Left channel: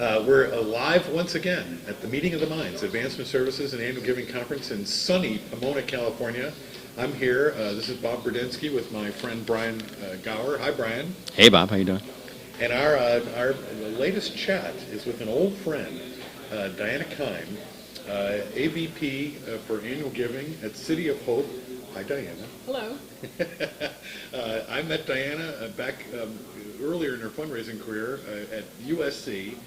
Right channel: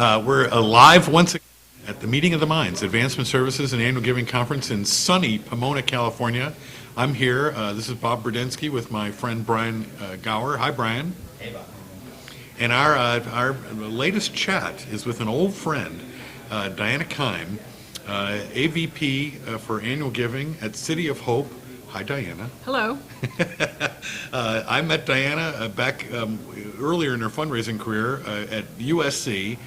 We're live once again at the Meeting of the Minds, Advancement Services and Annual Giving Conference in sunny Pomona, California. I'm here. This is Bob Brudensky with my friend Brian Gawor. Hi, Brian. Hey, Bob. How you doing? And our latest chat is with an old friend, Diana Keim, AVP for Annual Giving at City of Hope. Hi, Diana. Hello. I met Diana back earlier in her fundraising career at USC,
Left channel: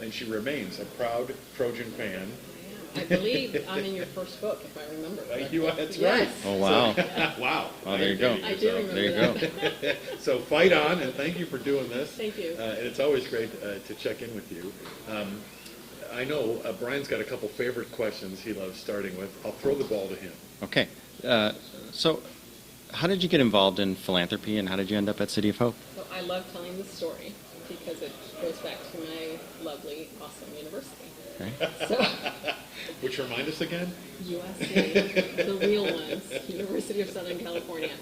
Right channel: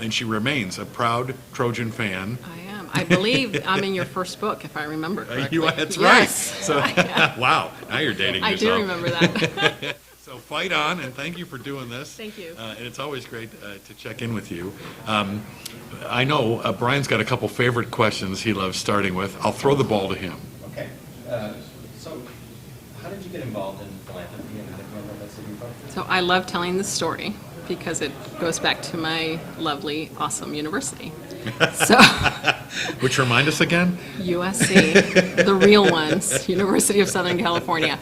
and she remains a proud Trojan fan. I am. I believe I'm in your first book, if I remember correctly. That's yes. right. Oh, wow. So, wow. Now you're dating I yourself. do remember that. So fight on, and thank you for doing this. Thank you. And it's always great to check in with you. I know Brian's got a couple favorite questions he loves starting with. I'll throw the ball to him. Okay. So how did you get involved in philanthropy, and how did you end up at City of Hope? So I love telling this story because it goes back to my lovely, awesome university. So Which remind us again? USC, the real ones, University of Southern California.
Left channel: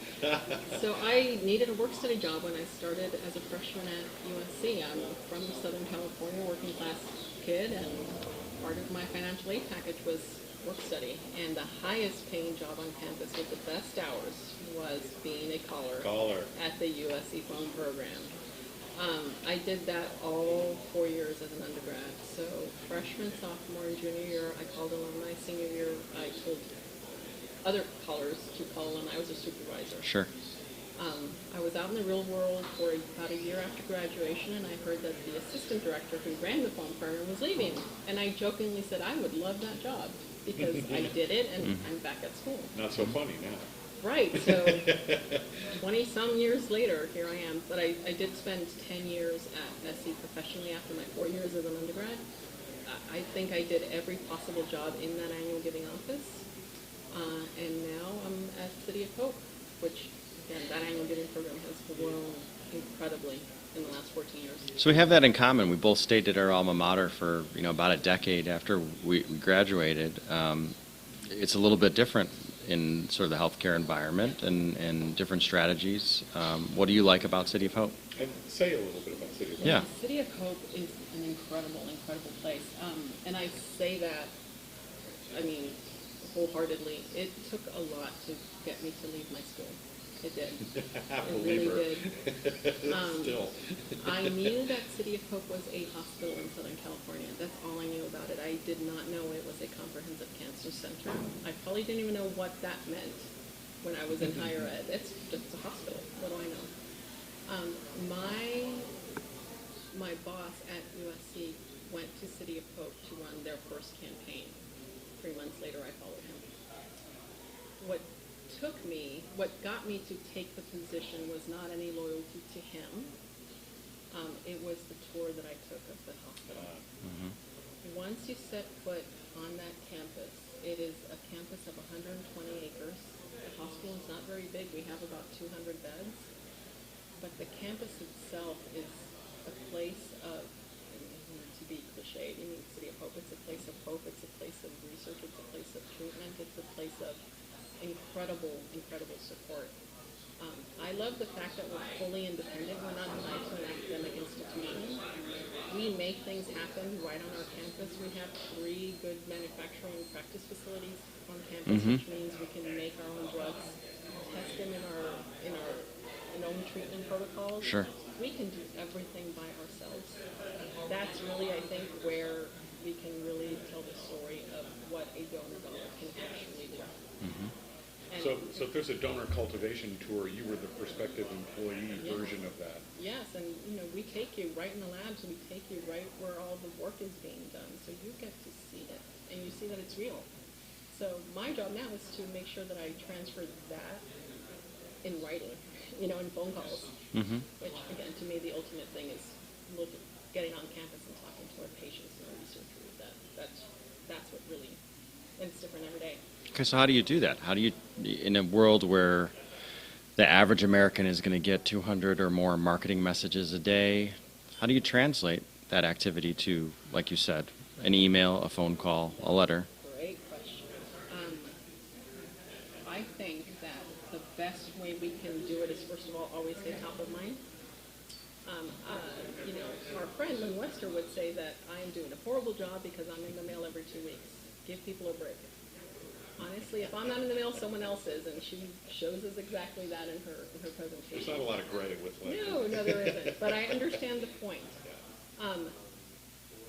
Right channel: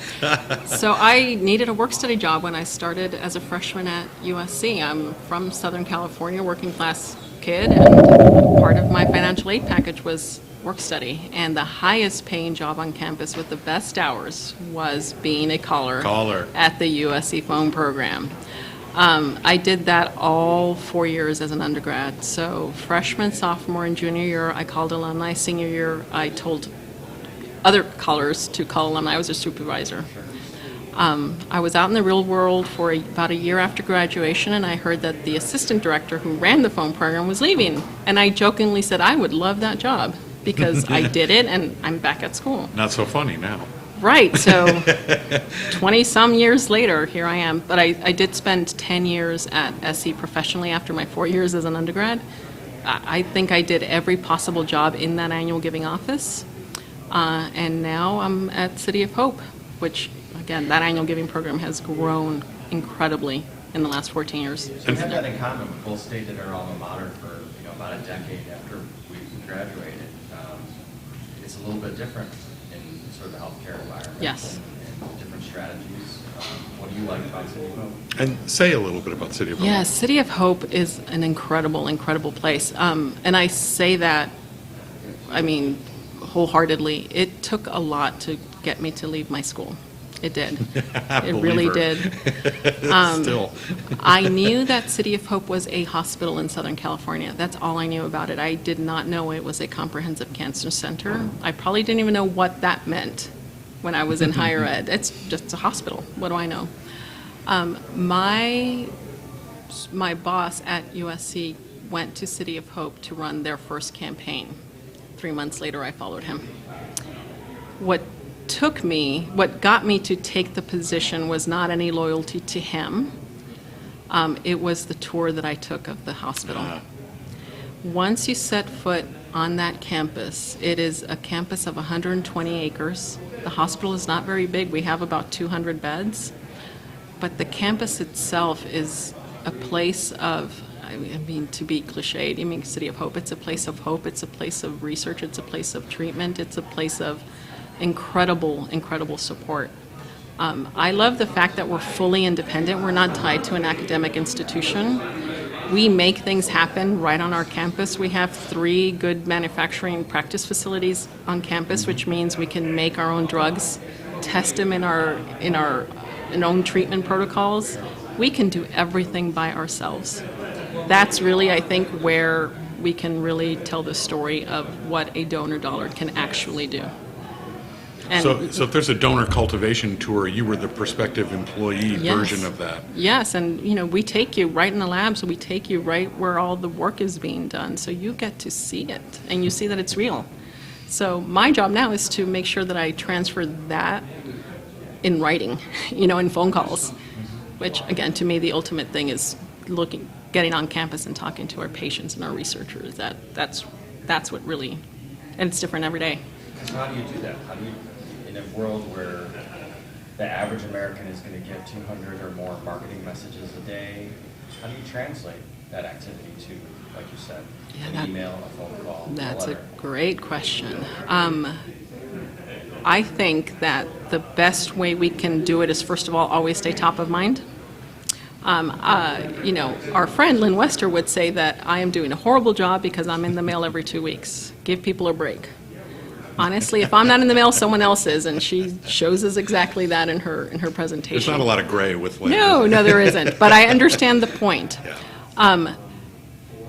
So I needed a work-study job when I started as a freshman at USC. I'm from Southern California, working class kid, and part of my financial aid package was work study. And the highest paying job on campus with the best hours was being a caller at the USC phone program. I did that all 4 years as an undergrad. So freshman, sophomore, and junior year, I called alumni. Senior year, I told other callers to call alumni. I was a supervisor. Sure. I was out in the real world for about a year after graduation, and I heard that the assistant director who ran the phone program was leaving. And I jokingly said, I would love that job because I did it, and I'm back at school. Not so funny now. Right, so 20-some years later, here I am. But I did spend 10 years at SC professionally after my 4 years as an undergrad. I think I did every possible job in that annual giving office. And now I'm at City of Hope, which, again, that annual giving program has grown incredibly in the last 14 years. So we have that in common. We both stayed at our alma mater for about a decade after we graduated. It's a little bit different in sort of the healthcare environment. Yes. and different strategies. What do you like about City of Hope? And say a little bit about City of Hope. Yeah, City of Hope is an incredible, incredible place. And I say that, wholeheartedly. It took a lot to get me to leave my school. It did. It really did. Still. I knew that City of Hope was a hospital in Southern California. That's all I knew about it. I did not know it was a comprehensive cancer center. I probably didn't even know what that meant when I was in higher ed. It's just a hospital. What do I know? My boss at USC went to City of Hope to run their first campaign. 3 months later, I followed him. What got me to take the position was not any loyalty to him. It was the tour that I took of the hospital. Once you set foot on that campus, it is a campus of 120 acres. The hospital is not very big. We have about 200 beds. But the campus itself is a place of, to be cliched, City of Hope, it's a place of hope, it's a place of research, it's a place of treatment, it's a place of incredible, incredible support. I love the fact that we're fully independent. We're not tied to an academic institution. We make things happen right on our campus. We have 3 good manufacturing practice facilities on campus, which means we can make our own drugs, test them in our own treatment protocols. Sure. We can do everything by ourselves. That's really, I think, where we can really tell the story of what a donor dollar can actually do. And So if there's a donor cultivation tour, you were the prospective employee Yes. version of that. Yes, and we take you right in the lab, so we take you right where all the work is being done, so you get to see it, and you see that it's real. So my job now is to make sure that I transfer that in writing, in phone calls, which, again, to me, the ultimate thing is getting on campus and talking to our patients and our researchers. That's what really, and it's different every day. So how do you do that? How do you, in a world where the average American is going to get 200 or more marketing messages a day, how do you translate that activity to, like you said, an email, a phone call, a letter? That's a great question. I think that the best way we can do it is, first of all, always stay top of mind. You know, our friend Lynn Wester would say that I am doing a horrible job because I'm in the mail every 2 weeks. Give people a break. Honestly, if I'm not in the mail, someone else is, and she shows us exactly that in her presentation. There's not a lot of gray with Lynn. No, there isn't, but I understand the point. Yeah.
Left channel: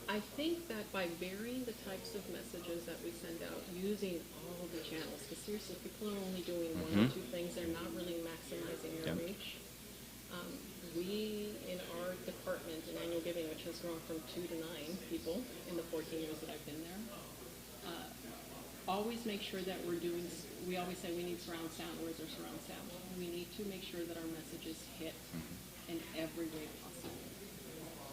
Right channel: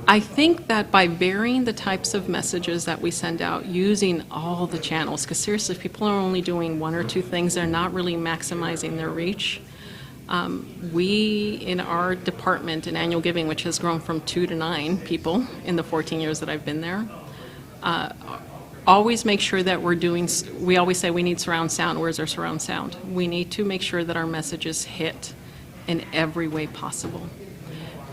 I think that by varying the types of messages that we send out, using all the channels, because seriously, if people are only doing one or two things, they're not really maximizing their reach. We, in our department in annual giving, which has grown from 2 to 9 people in the 14 years that I've been there, always make sure that we always say we need surround sound. Where's our surround sound? We need to make sure that our messages hit in every way possible.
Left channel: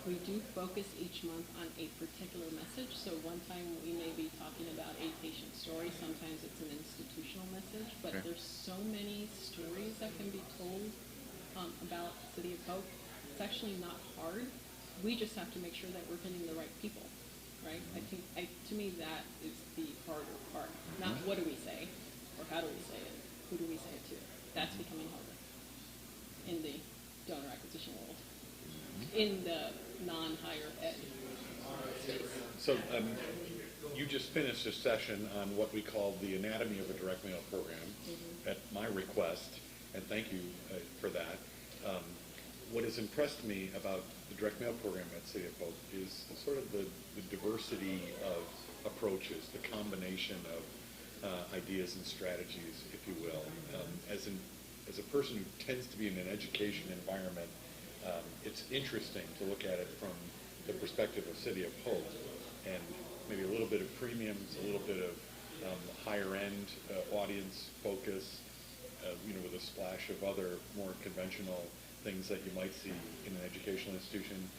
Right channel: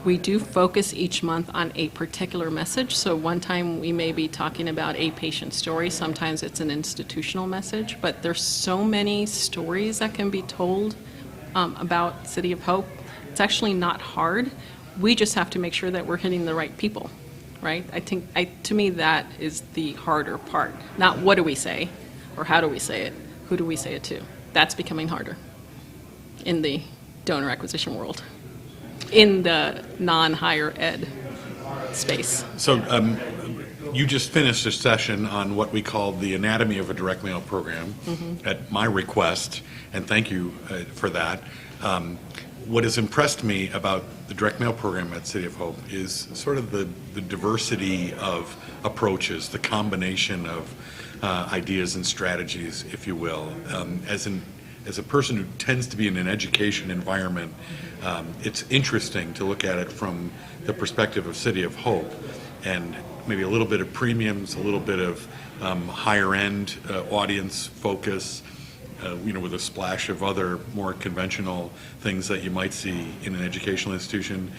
We do focus each month on a particular message. So one time we may be talking about a patient story. Sometimes it's an institutional message, but there's so many stories that can be told about City of Hope. It's actually not hard. We just have to make sure that we're hitting the right people, right? I think, to me, that is the harder part. Not what do we say, or how do we say it, who do we say it to? That's becoming harder in the donor acquisition world, in the non-higher ed space. So you just finished a session on what we call the anatomy of a direct mail program at my request, and thank you for that. What has impressed me about the direct mail program at City of Hope is sort of the diversity of approaches, the combination of ideas and strategies, if you will. As a person who tends to be in an education environment, it's interesting to look at it from the perspective of City of Hope, and maybe a little bit of premiums, a little bit of higher end audience focus, with a splash of other more conventional things that you might see in an educational institution.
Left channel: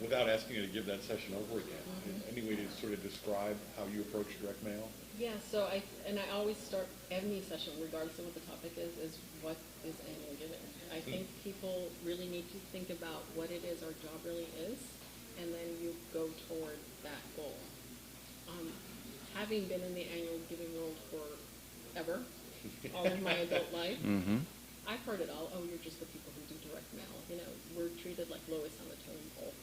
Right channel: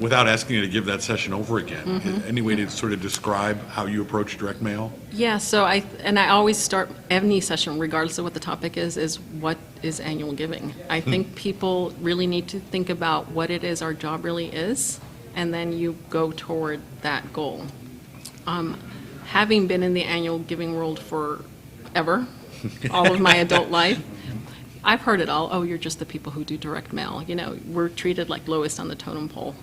Without asking you to give that session over again, any way to sort of describe how you approach direct mail? Yeah, so I always start any session, regardless of what the topic is what is annual giving? I think people really need to think about what it is our job really is, and then you go toward that goal. Having been in the annual giving world forever, all of my adult life, I've heard it all. Oh, you're just the people who do direct mail. You know, we're treated like lowest on the totem pole.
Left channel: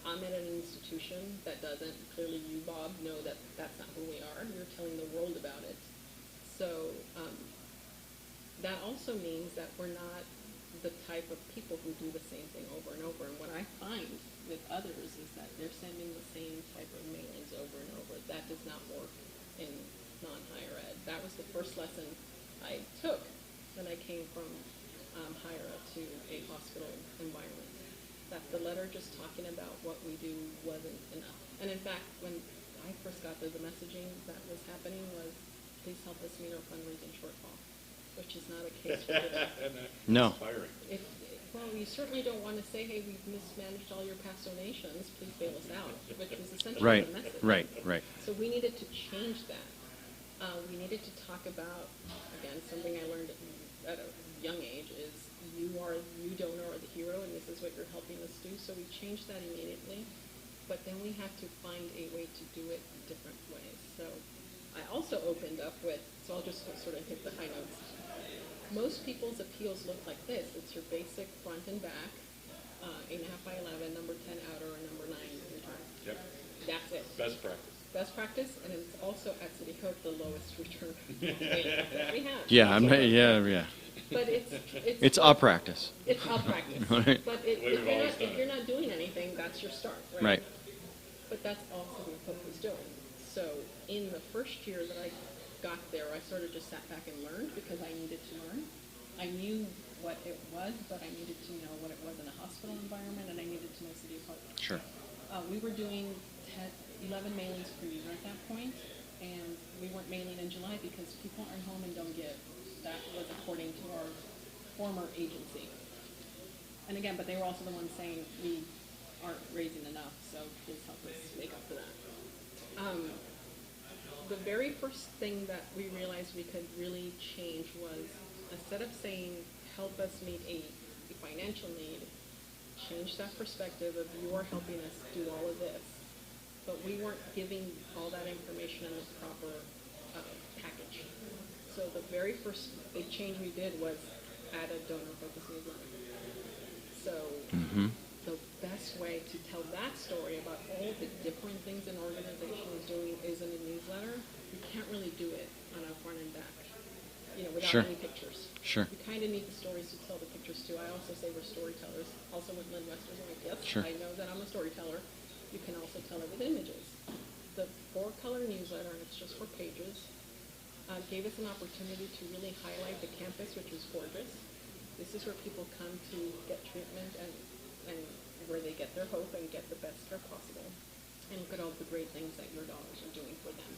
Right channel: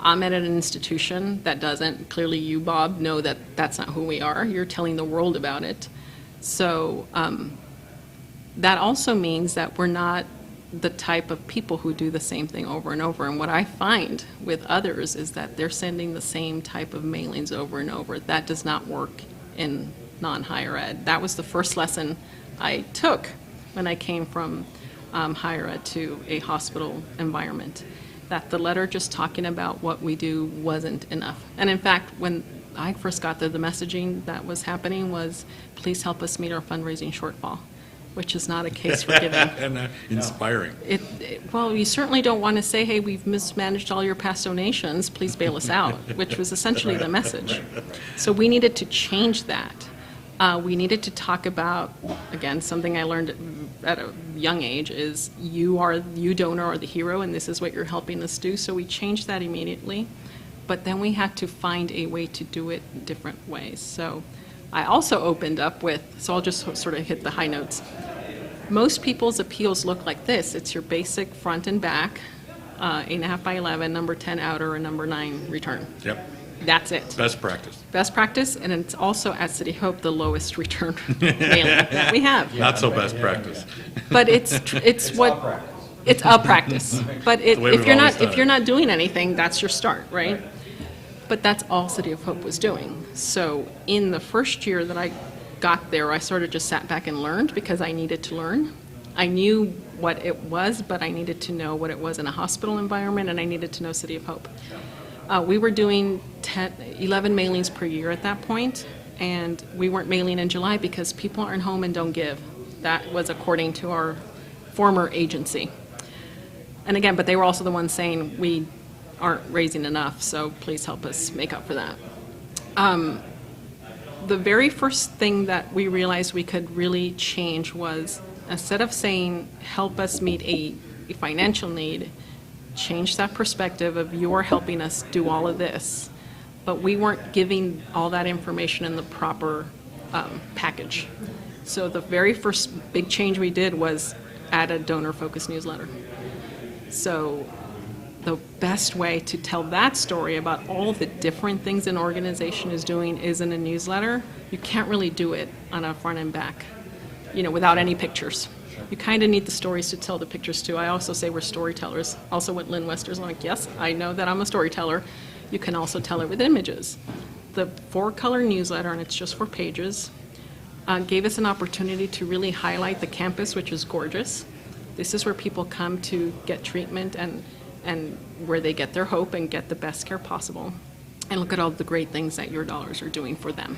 I'm at an institution that doesn't. Clearly you, Bob, know that that's not who we are. You're telling the world about it. So that also means that we're not the type of people who do the same thing over and over. And what I find with others is that they're sending the same type of mailings over and over. That does not work in non-higher ed. That was the first lesson I took when I came from higher ed to a hospital environment, that the letter just talking about what we do wasn't enough. And in fact, when I first got there, the messaging that was happening was, please help us meet our fundraising shortfall, which is not a case for giving. And No. inspiring. Well, you certainly don't want to say, hey, we've mismanaged all your past donations, please bail us out, which was essentially the message. Right. So we needed to change that. We needed to talk about, again, something I learned at a young age is you donor are the hero, and this is what you're helping us do. So we changed that immediately, but then we had to find a way to do it different ways. So I also opened up with, so I'll just sort of hit the high notes. Most people's appeals look like this. It's your basic front and back, 8.5 by 11, number 10 outer, and number 9 return. Yep. That's it. Best practice. Best practice, and it's also at City Hope the lowest return mailing that we have. Yeah, Not so I'm- best yeah, practice. yeah. But it's a what practice. it's a practice. But the way if we've you're always not done if you're it. not doing anything, that's your start, right? Right. But that's all City of Hope was doing. So in the first year that I got there, I sort of just sat back and learned because I needed to learn. I knew what it was, but I needed to know what it was in a hospital environment, and I needed to know City of Hope. Sure. We were doing 11 mailings per year at that point, and we weren't mailing in July because people aren't home and don't give. That was according to our former agency. And again, but they were also the ones saying, we aren't raising enough, so please help us make up for that. The very first thing that we realized we could really change was, instead of saying, help us meet a financial need, change that perspective of you're helping us do all of this, but we weren't giving all that information in the proper package. So the very first big change we did was add a donor-focused newsletter. So the best way to tell that story about all the different things an organization is doing is in a newsletter. You can't really do it on a front and back, without any pictures. Sure. You kind of need the stories to tell the pictures too. I also say we're storytellers. Also with Lynn Wester's like, yes, I know that I'm a storyteller. You can also tell it with images. The 4-color newsletter, and it's just 4 pages, gave us an opportunity to really highlight the campus, which is gorgeous. This is where people come to get treatment and where they get their hope and get the best care possible. And look at all the great things that your dollars are doing for them.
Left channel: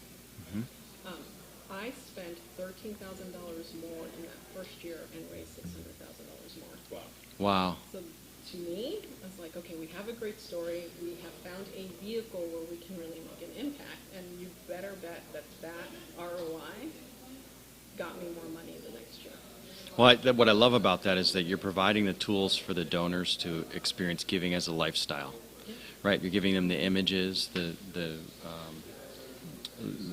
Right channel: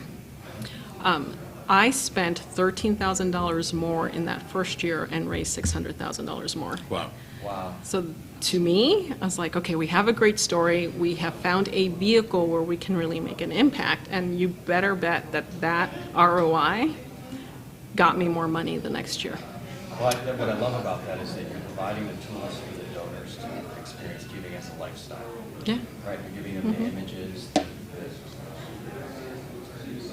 I spent $13,000 more in that first year and raised $600,000 more. Wow. Wow. So to me, I was like, okay, we have a great story. We have found a vehicle where we can really make an impact. And you better bet that ROI got me more money the next year. Well, what I love about that is that you're providing the tools for the donors to experience giving as a lifestyle. Yeah. Right? You're giving them the images,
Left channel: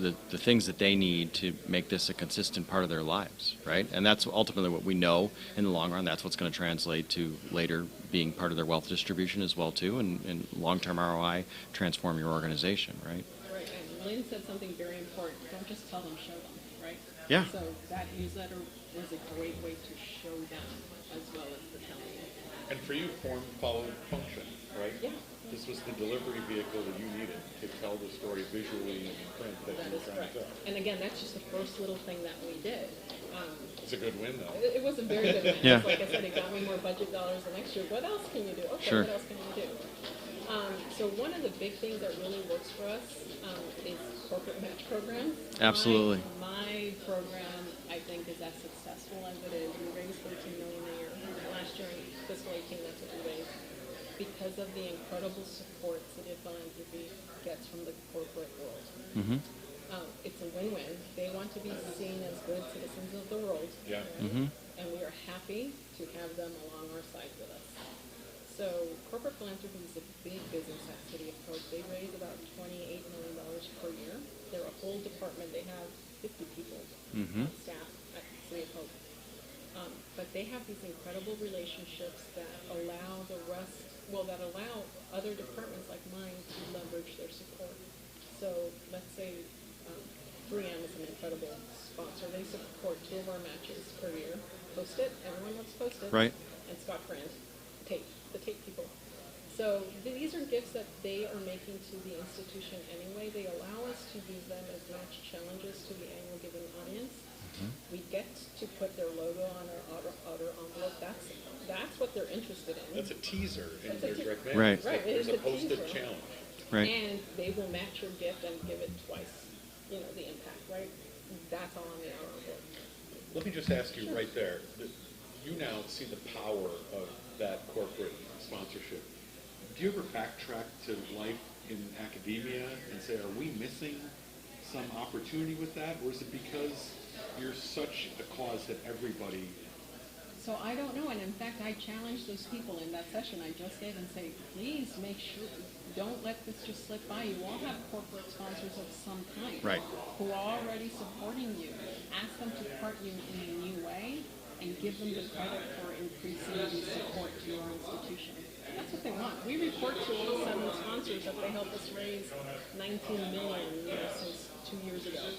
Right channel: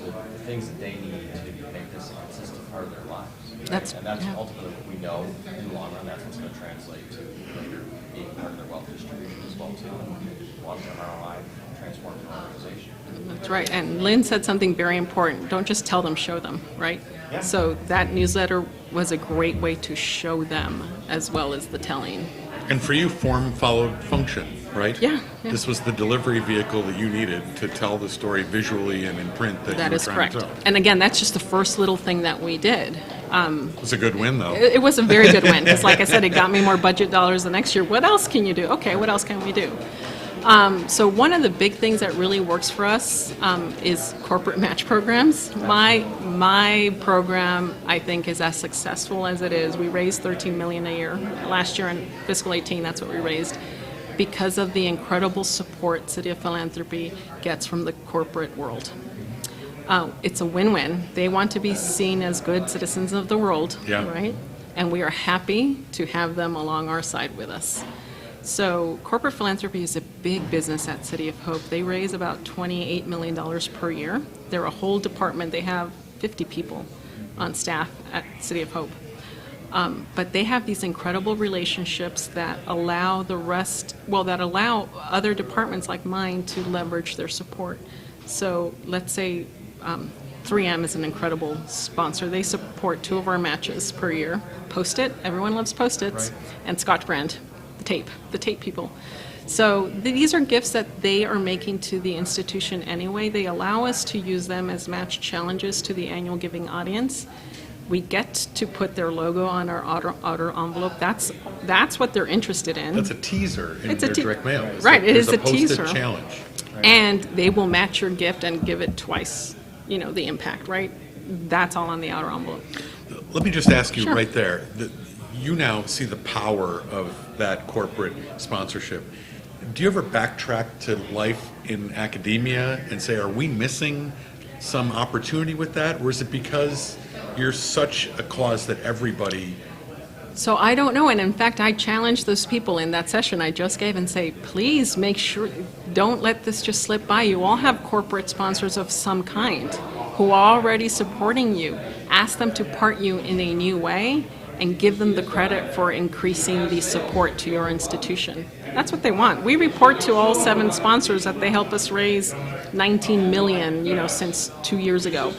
the things that they need to make this a consistent part of their lives, right? And that's ultimately what we know in the long run. That's what's going to translate to later being part of their wealth distribution as well too, and long-term ROI transform your organization, right? That's right. And Lynn said something very important. Don't just tell them, show them, right? Yeah. So that newsletter was a great way to show them as well as the telling. And for you, form followed function, right? Yeah. This was the delivery vehicle that you needed to tell the story visually and in print that you That were is trying correct. to tell. And again, that's just the first little thing that we did. It was a good win, though. It was a very good win. It's like I said, it got me more budget dollars the next year. What else can you do? Okay, what else can we do? So one of the big things that really works for us is corporate match programs. Absolutely. My program, I think, is as successful as it is. We raised $13 million a year. Last year in fiscal 18, that's what we raised, because of the incredible support City of Philanthropy gets from the corporate world. It's a win-win. They want to be seen as good citizens of the world, Yeah. right? And we are happy to have them along our side with us. So corporate philanthropy is a big business at City of Hope. They raise about $28 million per year. They're a whole department. They have 50 people on staff at City of Hope. But they have these incredible relationships that allow that allow other departments like mine to leverage their support. So let's say 3M is an incredible sponsor. They support 2 of our matches per year. Post-it, everyone loves Post-its, Right. and Scotch Brand, the tape people. So these are gifts that they are making to the institution anyway. They allow us to use them as match challenges to the annual giving audience. We get to put their logo on our outer envelope. That's what they're interested in. That's a teaser in It's a their te- direct mail. Right. It's Right, like it is there's a Post-it teaser. challenge. Right. And they will match your gift and give it twice, the impact, right? That's all on the outer envelope. Let me just ask you Sure. right there. You now see the power of that corporate sponsorship. Do you ever backtrack to life in academia and say, are we missing some opportunity with that? Or is it because you're such a cause that everybody... So I don't know, and in fact, I challenged those people in that session I just gave and say, please make sure, don't let this just slip by. You all have corporate sponsors of some kind who are already supporting you. Ask them to part you in a new way and give them the credit for increasing the support to your institution. That's what they want. We report to all 7 sponsors that they help us raise $19 million, since 2 years ago.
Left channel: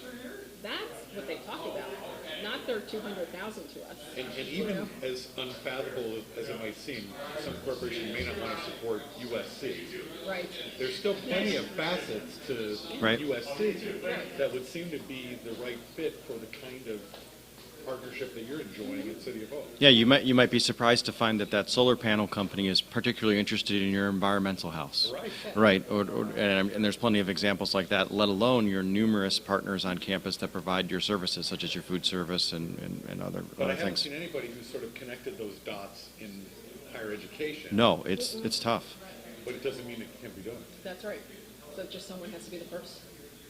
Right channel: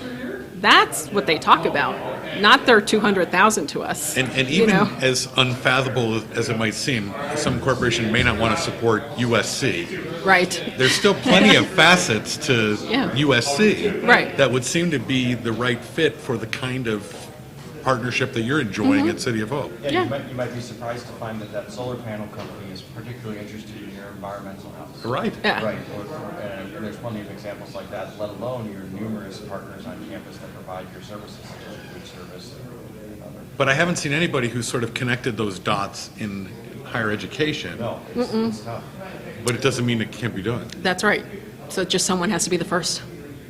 That's what they talk about, not their $200,000 to us. And even as unfathomable as it might seem, some corporation may not want to support USC. Right. There's still plenty of facets to Yeah. USC Right. that would seem to be the right fit for the kind of partnership that you're enjoying at City of Hope. Yeah, Yeah. you might be surprised to find that solar panel company is particularly interested in your environmental house. Right. Yeah. Right, and there's plenty of examples like that, let alone your numerous partners on campus that provide your services, such as your food service and other. But I haven't seen anybody who's sort of connected those dots in higher education. No, it's tough. But it doesn't mean it can't be done. That's right. So just someone has to be the first.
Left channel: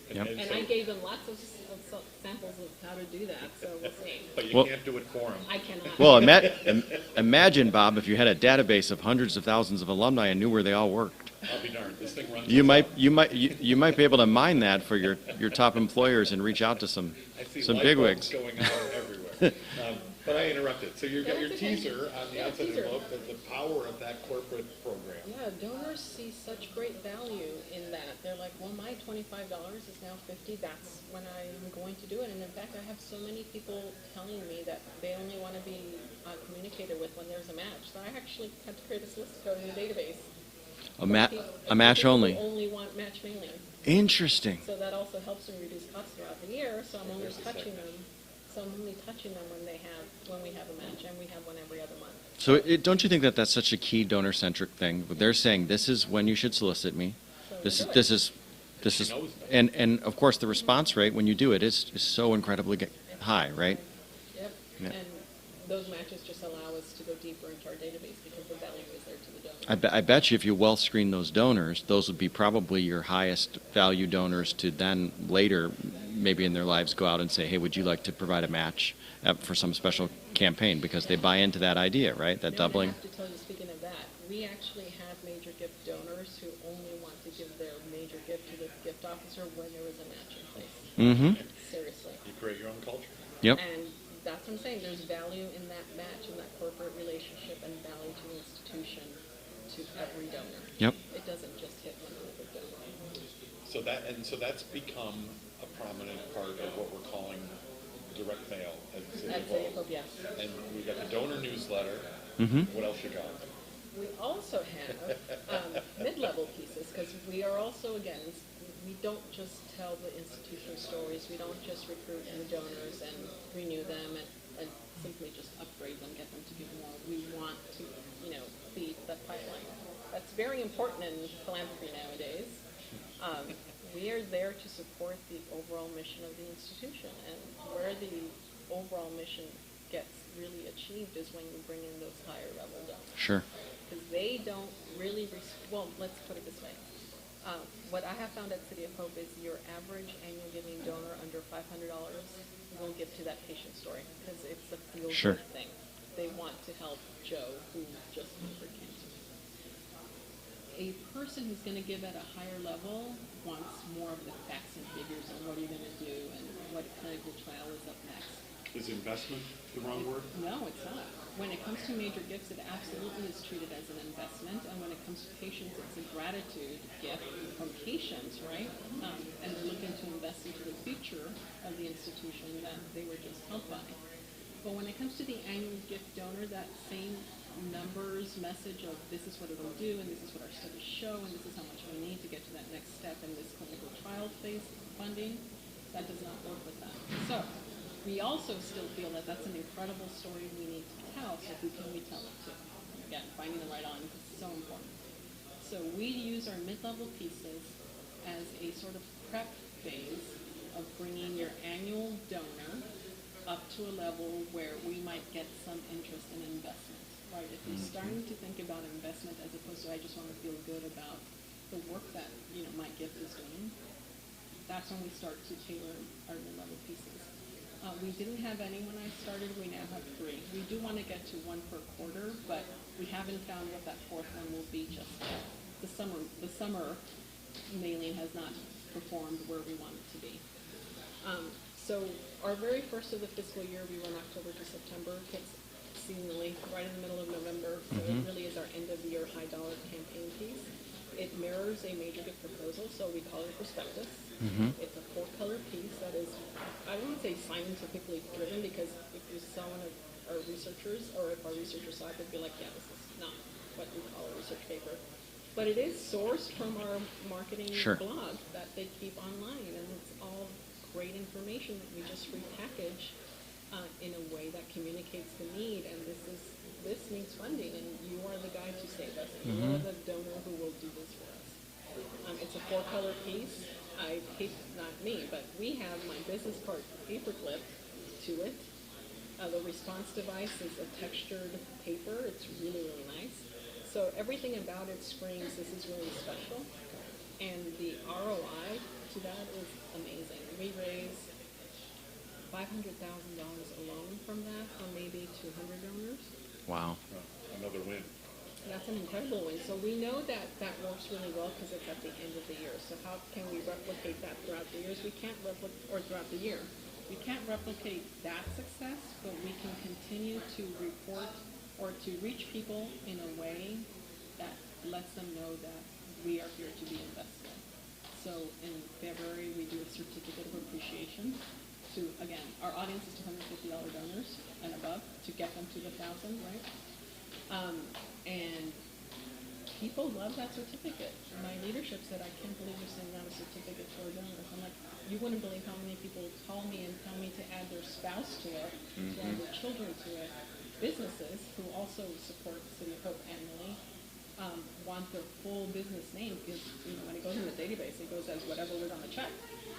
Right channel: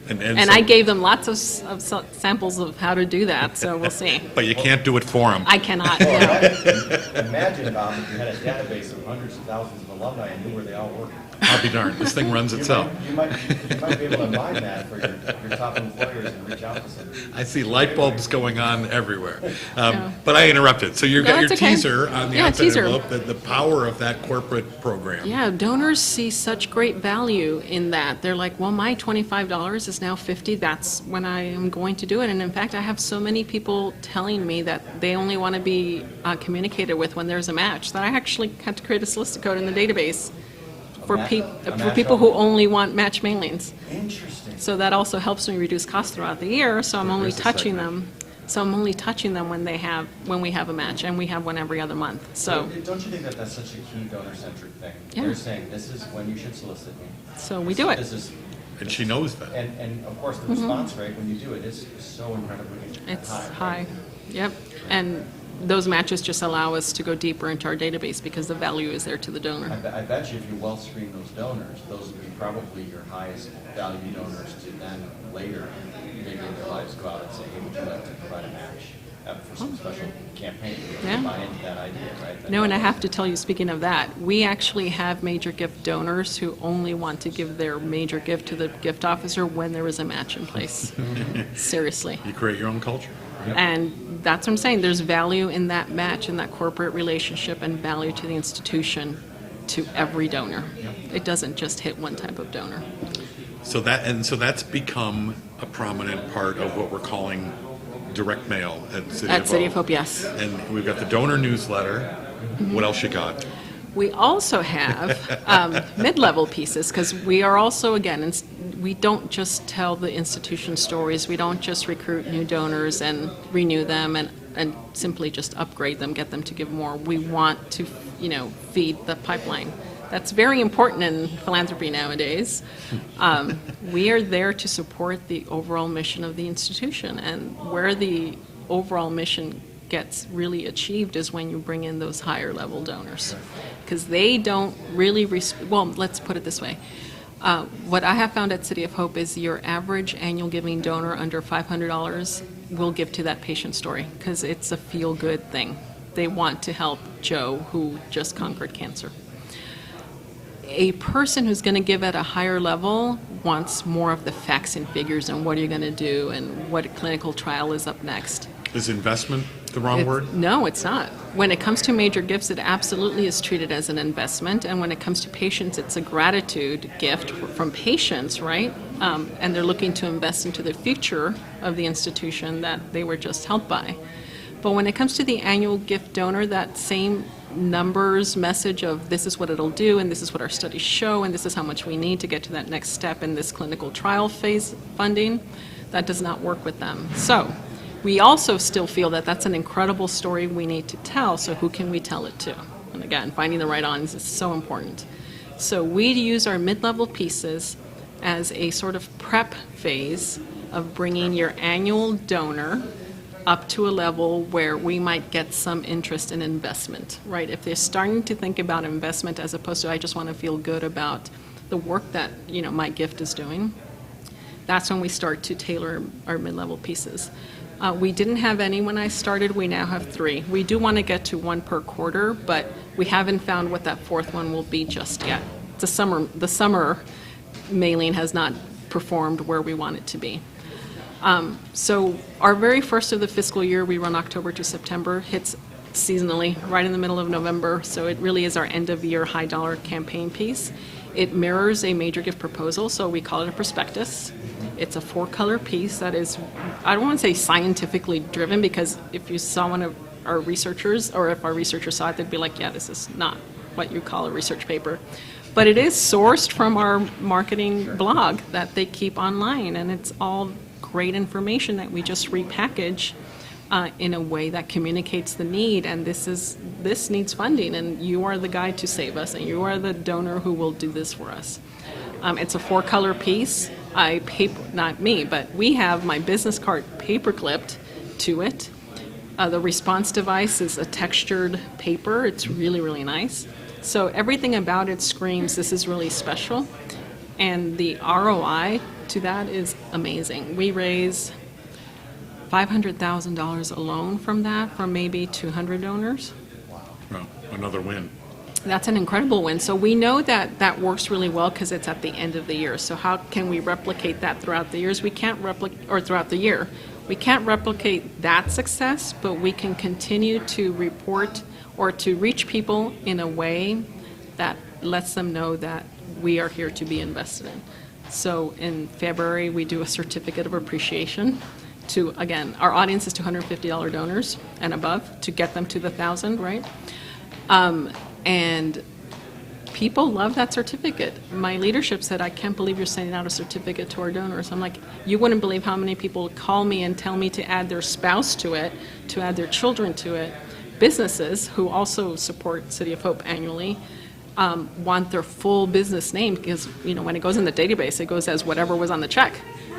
And so- I gave them lots of samples of how to do that, so we'll see. But you can't do it for them. I cannot. Well, yeah. imagine, Bob, if you had a database of hundreds of thousands of alumni and knew where they all worked. I'll be darned. This thing runs You itself. might be able to mine that for your top employers and reach out to some. I see some light bigwigs. bulbs going on everywhere. Yeah. But I interrupted. So you've No, got your that's okay. teaser on the Yeah, outside teaser. envelope, the power of that corporate program. Yeah, donors see such great value in that. They're like, well, my $25 is now $50. That's when I am going to do it. And in fact, I have so many people telling me that they only want to be communicated with when there's a match, that I actually had to create a solicitor code in the database for match people who only. only want match mailings. Interesting. So that also helps me reduce costs throughout the year, so I'm only There's the touching segment. them. So I'm only touching them when we have a match, and we have one every other month. So don't you think that that's such a key donor-centric thing? Yeah. They're saying, this is when you should solicit me. So we This- do it. This is. And this she is- knows that. And of course, the response rate when you do it is so incredibly It's high, right? Yep, and those matches just allow us to go deeper into our database because the value is there to the donor. I bet you if you well screen those donors, those would be probably your highest value donors to then later, maybe in their lives, go out and say, hey, would you like to provide a match for some special campaign? Because they Yeah. buy into that idea, right? That No, and I doubling. have to tell you, speaking of that, we actually have major gift donors who only want to give their major gift to the gift officer when there is a match in place. Seriously. You create your own culture. Yep. And that's what I'm saying, there's value in that match, in that corporate relationship, and value to the institution, to every donor. Yep. It doesn't just hit one type of donor. So that's become a prominent part of what we're calling direct mail at City At of City Hope. of Hope, yes. And we've got the donor newsletter. What else you got? We also have mid-level pieces, because we are also, again, we don't just tell the institution stories. We don't just recruit new donors and renew them and simply just upgrade them, get them to give more. We want to, feed the pipeline. That's very important in philanthropy nowadays. We are there to support the overall mission of the institution, and where the overall mission gets really achieved is when you bring in those higher level donors. Sure. Because they don't really, well, let's put it this way. What I have found at City of Hope is your average annual giving donor under $500 will give to that patient story, because it's a feel-good thing. They want to help Joe, who just conquered cancer. A person who's going to give at a higher level wants more of the facts and figures and what are you going to do and what clinical trial is up next. Is investment the wrong word? No, it's not. When it comes to major gifts, it absolutely is treated as an investment. And when it comes to patients, it's a gratitude gift from patients, right? And they're looking to invest into the future of the institution that they were just helped by. But when it comes to the annual gift donor, that same numbers message of this is what it'll do and this is what our studies show and this is how much we need to get to that next step in this clinical trial phase funding, that does not work with them. So we also still feel that that's an incredible story we need to tell, so who can we tell it to? And again, finding the right audience is so important. So we use our mid-level pieces as a sort of prep phase of bringing your annual donor up to a level where we might get some interest in investment, right? If they're starting to think about investment as opposed to I just want to feel good about the work that, my gift is doing, that's when we start to tailor our mid-level pieces. We didn't have any when I started. We now have 3. We do want to get to 1 per quarter, but we haven't found what that 4th one will be just yet. The summer mailing has not performed where we want it to be. So our very first of the fiscal year, we run October to September, hits seasonally, right in the middle of November, so it really is our end-of-year high-dollar campaign piece. It mirrors a major gift proposal, so we call it a prospectus. It's a 4-color piece that is, I don't want to say scientifically driven, because if you saw one of our researchers, or if our researchers saw it, they'd be like, yeah, this is not what you call a research paper. But it is sourced from our marketing blog that they keep online, and it's all great information that we just repackage in a way that communicates the need, and this needs funding, and you are the guy to save us, and you are the donor who will do this for us. It's a 4-color piece. Not me, but we have my business card paper clipped to it. The response device is a textured paper. It's really, really nice. So everything about it screams this is really special, and the ROI to that is amazing. We raise $500,000 alone from that, from maybe 200 donors. Wow. Oh, another win. That's an incredible win. So we know that that works really well because it's at the end of the year. So how can we replicate that throughout the years? We can't replicate, or throughout the year. We can't replicate that success, but we can continue to report or to reach people in a way that lets them know that we are here to be invested in. So in February, we do a certificate of appreciation to, again, our audience is $250 donors and above to get them to the 1,000, right? And people love that certificate. My leadership said, I can't believe you're sending out a certificate to our donors. I'm like, you wouldn't believe how many people call me and tell me to add their spouse to it, to add their children to it. Businesses who also support City of Hope annually want their full business name because, you know, when it goes in the database, it goes as whatever was on the check.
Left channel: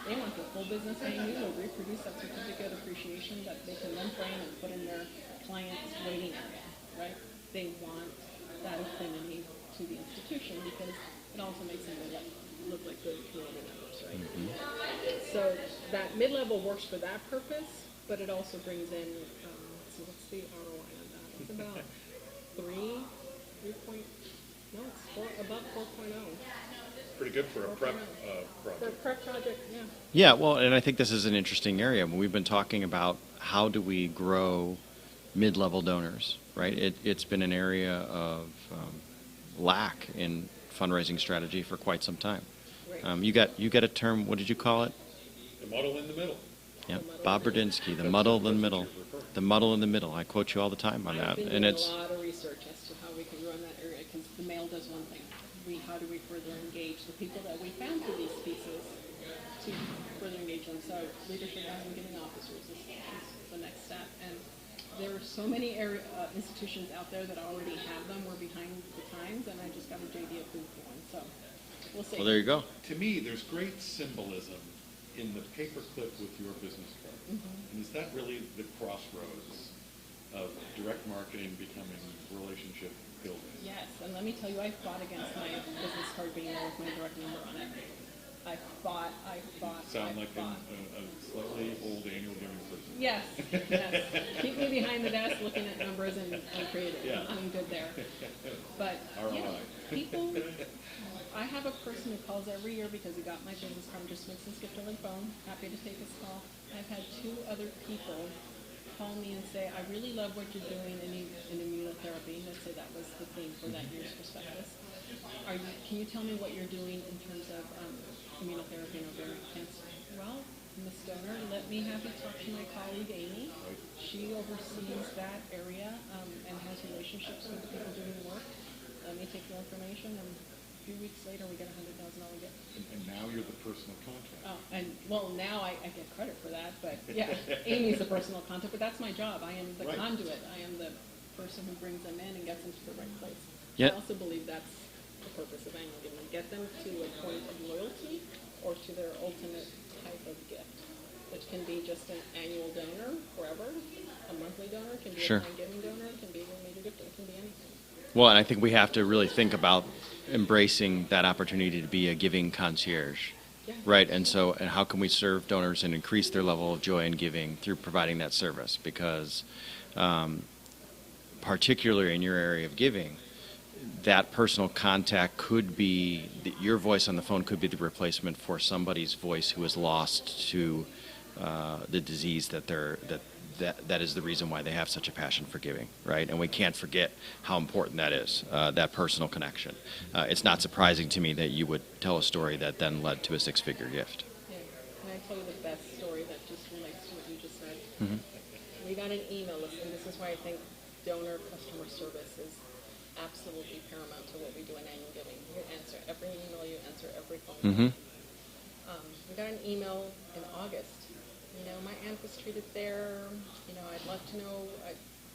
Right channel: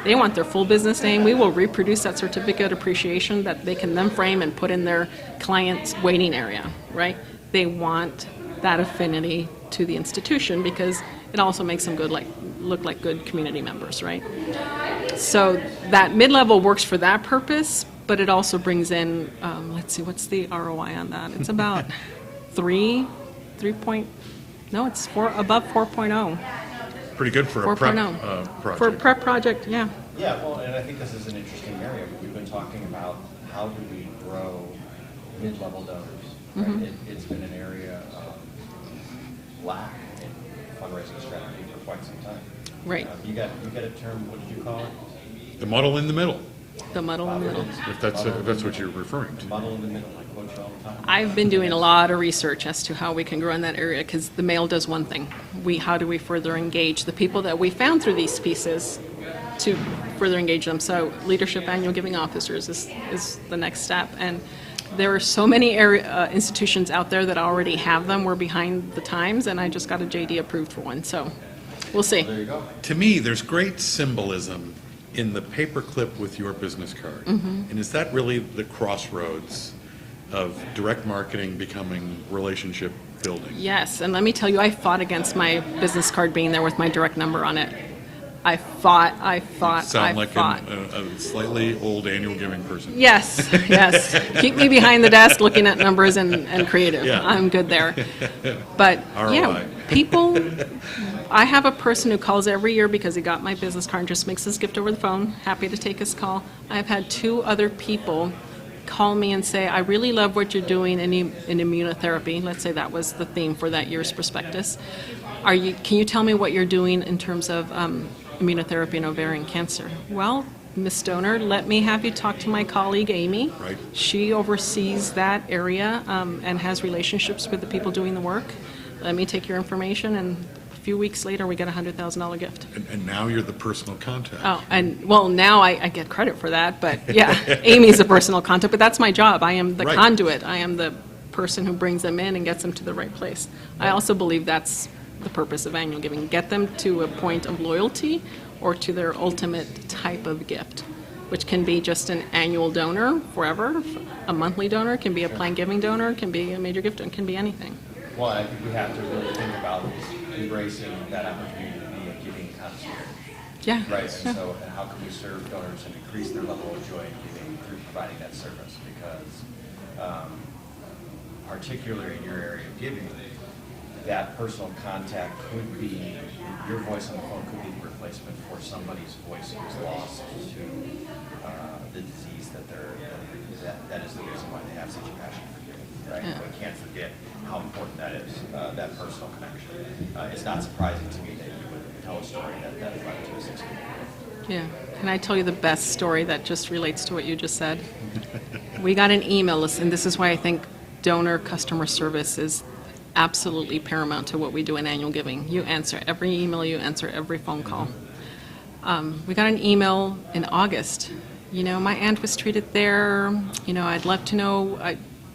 They want their full business name. We will reproduce that certificate of appreciation that they can then frame and put in their client's waiting area, right? They want that affinity to the institution because it also makes them look like good community members, right? So that mid-level works for that purpose, but it also brings in, let's see, what's the ROI on that? It's about it's above 4.0. Pretty good for a prep 4.0. project. For a prep project, yeah. Yeah, well, and I think this is an interesting area. We've been talking about how do we grow mid-level donors, right? It's been an area of lack in fundraising strategy for quite some time. Right. You got a term, what did you call it? The muddle in the middle. The muddle Bob in the middle. Berdinsky, If the muddle in the that's what middle. you're referring to. The muddle in the middle. I quote you all the time. on I've that. been And doing a it's- lot of research as to how we can grow in that area because the mail does one thing. How do we further engage the people that we found through these pieces to further engage them? So leadership annual giving officers is the next step. And there are so many institutions out there that already have them. We're behind the times, and I just got a JD approved for one. So we'll see. Well, there you go. To me, there's great symbolism in the paper clip with your business card. And is that really the crossroads of direct marketing becoming relationship building? Yes, and let me tell you, I fought against my business card being there with my direct number on it. I fought. Sound like a slightly old annual giving person. Yes, yes. Keep me behind the desk looking at numbers and creative. Yeah. I'm good there. But, yeah, ROI. people, I have a person who calls every year because he got my business card and just makes his gift over the phone. Happy to take his call. I've had 2 other people call me and say, I really love what you're doing in immunotherapy. Let's say that was the theme for that year's prospectus. Can you tell me what you're doing in terms of immunotherapy and ovarian cancer? Well, Ms. Donor, let me have you talk to my colleague, Amy. Right. She oversees that area and has relationships with the people doing the work. Let me take your information, and a few weeks later, we get a $100,000 gift. And now you're the personal contact. Oh, and, well, now I get credit for that, but, yeah, Amy's a personal contact, but that's my job. I am the Right. conduit. I am the person who brings them in and gets them to the right place. I Yeah. also believe that's the purpose of annual giving, get them to a point of loyalty or to their ultimate type of gift, which can be just an annual donor forever, a monthly donor, can be a Sure. planned giving donor, can be a major gift, and can be anything. Well, and I think we have to really think about embracing that opportunity to be a giving concierge. Yeah. Right, and Yeah. so, and how can we serve donors and increase their level of joy in giving through providing that service? Because particularly in your area of giving, that personal contact could be, your voice on the phone could be the replacement for somebody's voice who is lost to the disease that is the reason why they have such a passion for giving, right? And we can't forget how important that is, that personal connection. It's not surprising to me that you would tell a story that then led to a 6-figure gift. Yeah. Can I tell you the best story that just relates to what you just said? We got an email, and this is why I think donor customer service is absolutely paramount to what we do in annual giving. You answer every email, you answer every phone call. We got an email in August. You know, my aunt was treated there. You know, I'd love to know,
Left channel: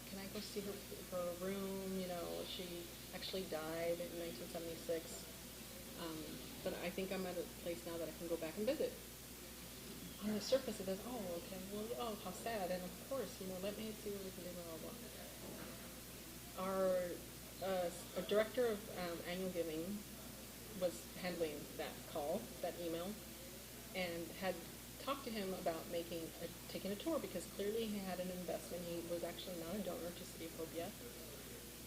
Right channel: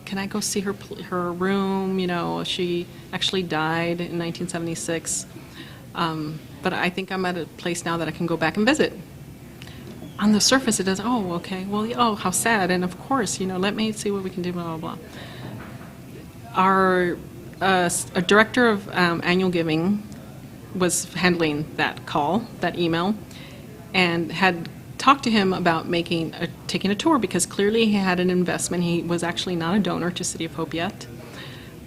can I go see her room? You know, she actually died in 1976. But I think I'm at a place now that I can go back and visit. On the surface, it does, oh, okay, well, oh, how sad. And of course, you know, let me see what we can do, blah, blah, blah. Our a director of annual giving was handling that call, that email, and had talked to him about taking a tour because clearly he had an investment. He was actually not a donor to City of Hope yet.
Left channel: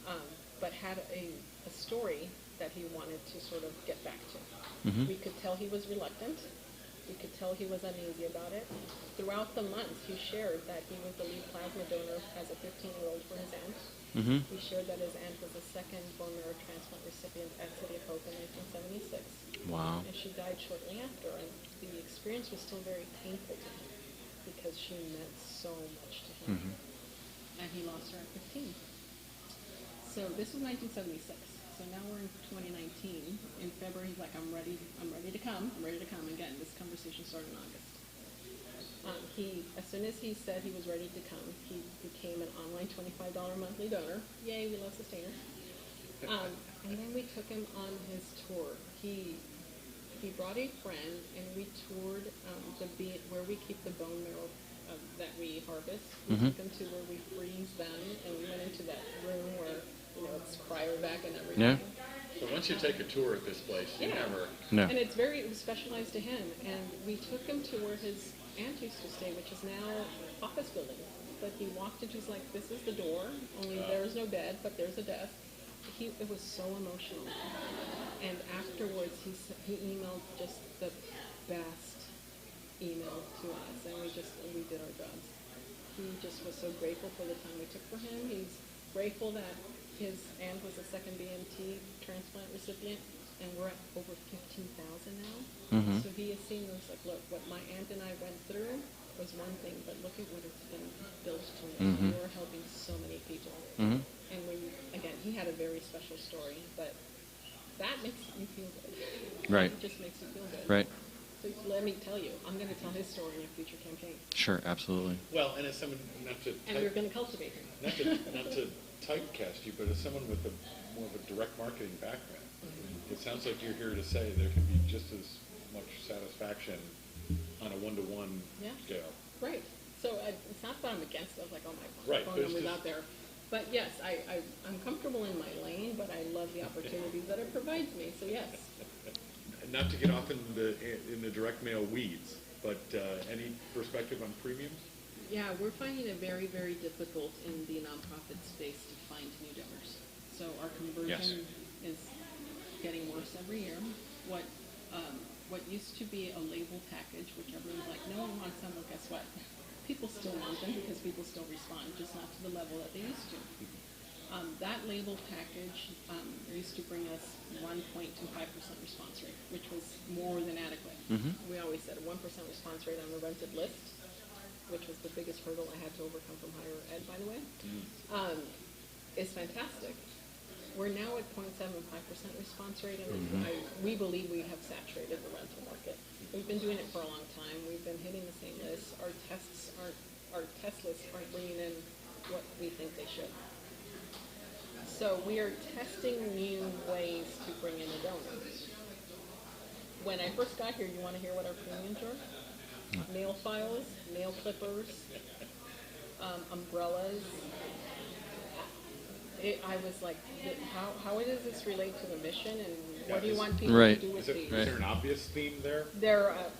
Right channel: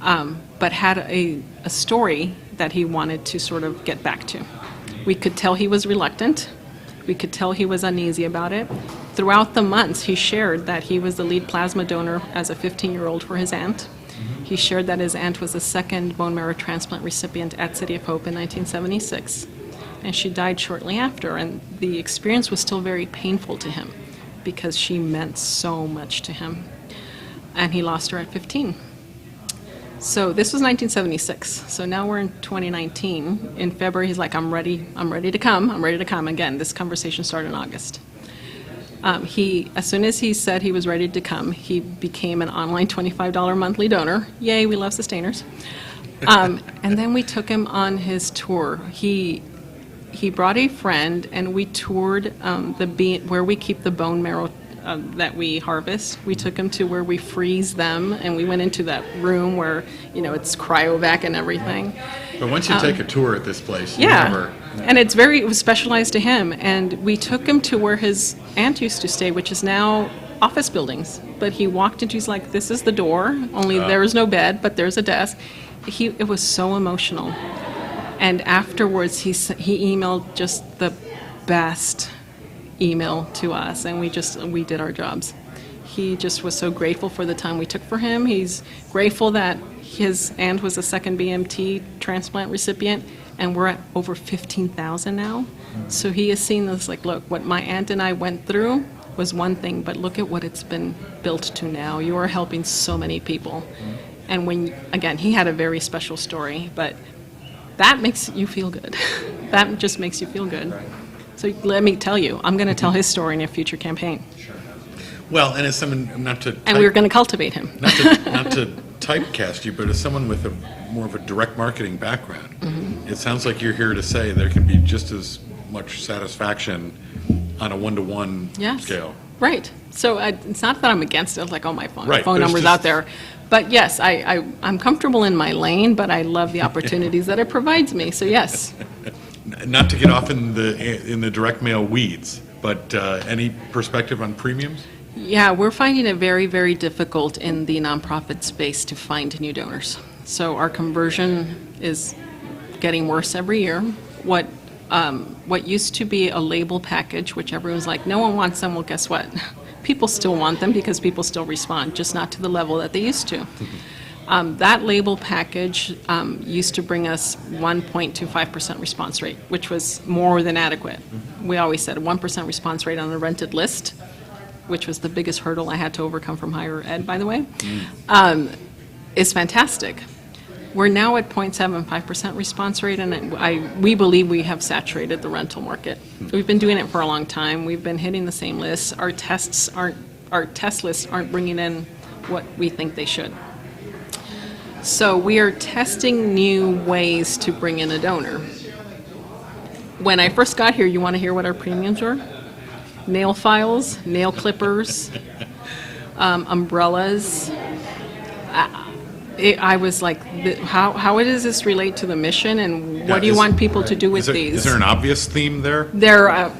but had a story that he wanted to sort of get back to. We could tell he was reluctant. We could tell he was uneasy about it. Throughout the months, he shared that he was the lead plasma donor as a 15-year-old for his aunt. He shared that his aunt was the second bone marrow transplant recipient at City of Hope in 1976, and she died shortly after, and the experience was still very painful to him because she meant so much to him, and he lost her at 15. So this was 1976. So now we're in 2019. In February, he's like, I'm ready to come. Again, this conversation started in August. As soon as he said he was ready to come, he became an online $25 monthly donor. Yay, we love sustainers. And then we took him on his tour. He brought a friend, and we toured where we keep the bone marrow that we harvest. We took him to where we freeze them, and we went into that room where, it's cryovac and everything. But once you take a tour at this place, you Yeah, never... No. and it was specialized to him, and we took him to where his aunt used to stay, which is now office buildings. But he walked into, he's like, this is the door, only there is no bed, but there's a desk. It was so emotional. And afterwards, he emailed just the best email to us, and we did our jobs. He just was so grateful for the time we took for him. He's grateful that his aunt was a second BMT transplant recipient, and we're at over 15,000 now. So he has seen this, like, look, what my aunt and I went through was one thing, but look at what it's been built to now. You are helping so many people. And again, he had a very special story, but that makes you feel good. That just makes you feel good. Right. So let me tell you, I'm going to tell his story in a future campaign. Sure, absolutely. Well, and as someone, not to... And we're going to cultivate him. Not to typecast you, but as someone with more of a direct marketing background, it sounds like you're here to say there can be just as much satisfaction on a one-to-one Yes. scale. Right. So it's not that I'm against it, like, oh, my phone Right, but it's number's just- out there. But yes, I'm comfortable in my lane, but I love the opportunities that it provides me. So yes. Not to get off in the direct mail weeds, but any perspective on premiums? Yeah, we're finding it very, very difficult in the nonprofit space to find new donors. So our conversion is getting worse every year. What used to be a label package, which everyone's like, no one wants them, well, guess what? People still want them because people still respond, just not to the level that they used to. That label package used to bring us 1.25% response rate, which was more than adequate. We always said a 1% response rate on a rented list, which was the biggest hurdle I had to overcome from higher ed, by the way, is fantastic. We're now at 0.75% response rate, and we believe we have saturated the rental market. We've been doing it for a long time. We've been hitting the same lists. Our test lists aren't bringing in what we think they should. So we are testing new ways to bring in a donor. When I first got here, you want to hear what our premiums were? Nail files, nail clippers, umbrellas. I was like, how does this relate to the mission, and what do you want people to do with these? Is there an obvious theme there?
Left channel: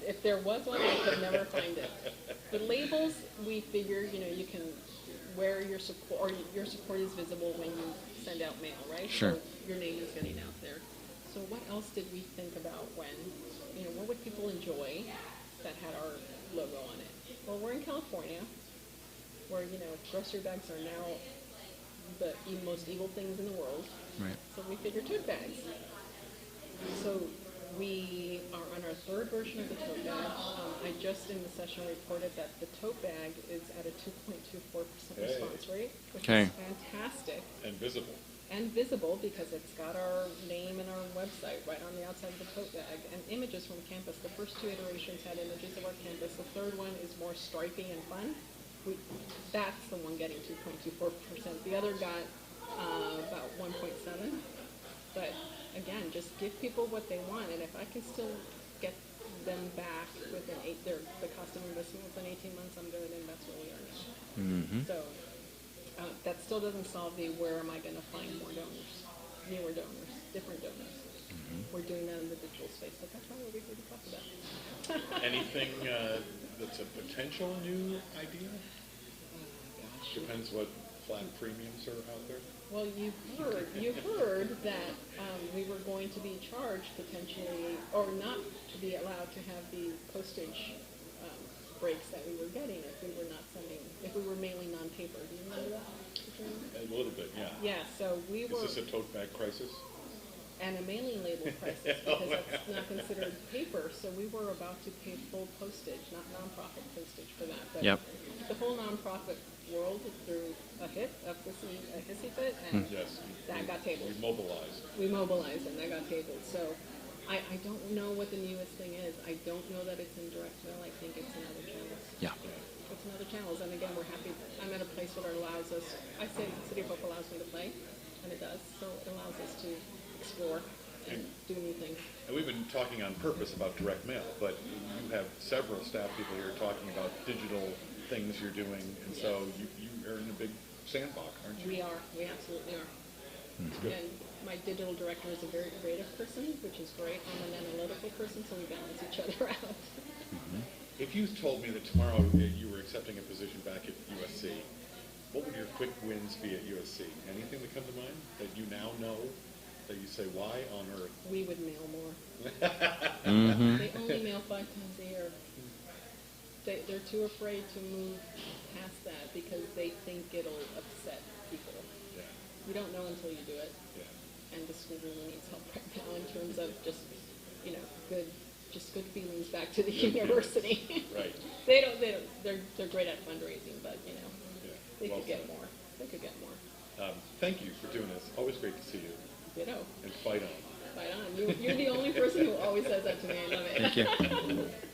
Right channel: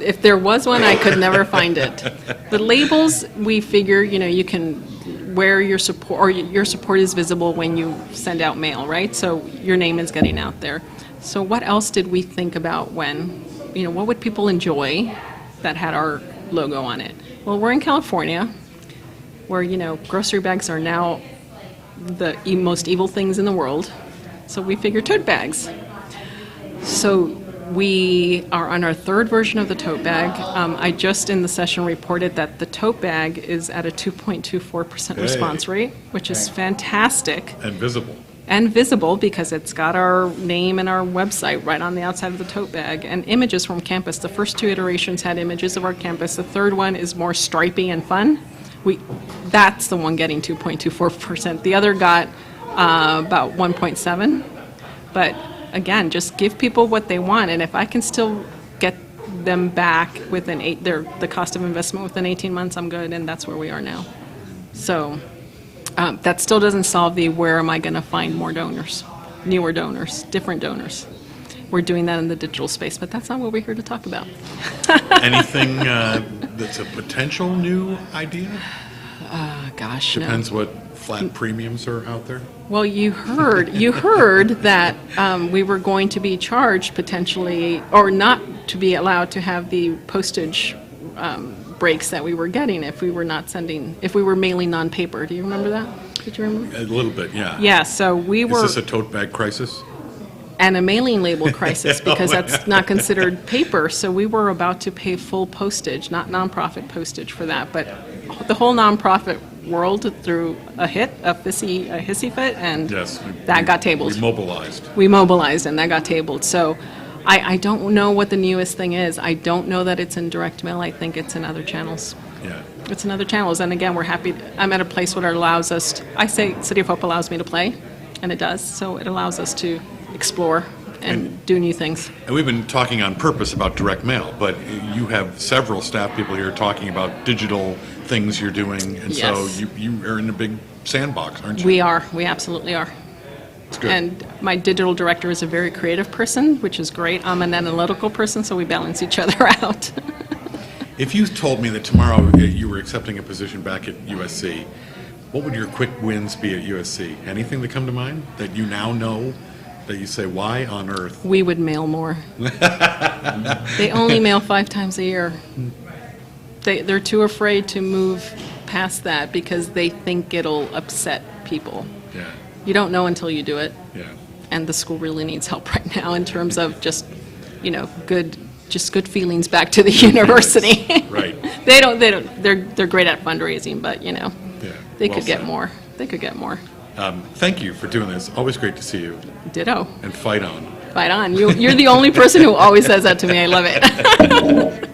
If there was one, I could never find it. The labels, we figure, you can wear your support, or your support is visible when you send out mail, right? So your name is getting out there. So what else did we think about when, what would people enjoy that had our logo on it? Well, we're in California, where, grocery bags are now the most evil things in the world. So we figured tote bags. So we are on our third version of the tote bag. I just in the session reported that the tote bag is at a 2.24% response rate, which is fantastic. And visible. And visible because it's got our name and our website right on the outside of the tote bag, and images from campus. The first two iterations had images of our campus. The third one is more stripy and fun. That's the one getting 2.24%. The other got about 1.7. But again, just give people what they want, and if I can still get them back within the cost of investment within 18 months, I'm good, and that's where we are now. So that still doesn't solve the where am I going to find more donors, newer donors, different donors. We're doing that in the digital space, but that's not what we're here to talk about. Anything that's a potential new idea? Gosh, no. Depends what flat premiums are out there. Well, you heard that we were going to be charged potentially, or not to be allowed to have the postage breaks that we were getting if we were if we were mailing non-paper. Do you remember that? Did you remember? A little bit, yeah. Yeah, so we were. Is this a tote bag crisis? And a mailing label crisis, because that's not considered paper, so we were about to pay full postage, not nonprofit postage for that, but Yep. the whole nonprofit world threw a hissy fit, and Yes. that got tabled. We mobilized. We mobilized, and that got tabled, so I don't know what the newest thing is. I don't know that it's in direct mail. I think it's in other channels. Yeah. It's in other channels, and again, we're happy, I'm at a place where it allows us, I say City of Hope allows me to play, and it does, so it allows us to explore and do new things. And we've been talking on purpose about direct mail, but you have several staff people here talking about digital things you're doing, and so Yes. you are in a big sandbox, aren't you? We absolutely are. It's good. And my digital director is a very creative person, which is great. I'm an analytical person, so we balance each other out. If you told me that tomorrow you were accepting a position back at USC, what would your quick wins be at USC? Anything that come to mind that you now know that you say, why on earth? We would mail more. They only mail 5 times a year. They're too afraid to move past that because they think it'll upset people. Yeah, You don't know until you do it. yeah. And the school really needs help right now in terms of just, good feelings back to the university. Right. They're great at fundraising, but, Yeah. they Well could get said. more. They could get more. Thank you for doing this. Always great to see you. Ditto. And fight on. Fight on. You're the only person who always says that to me. I love it.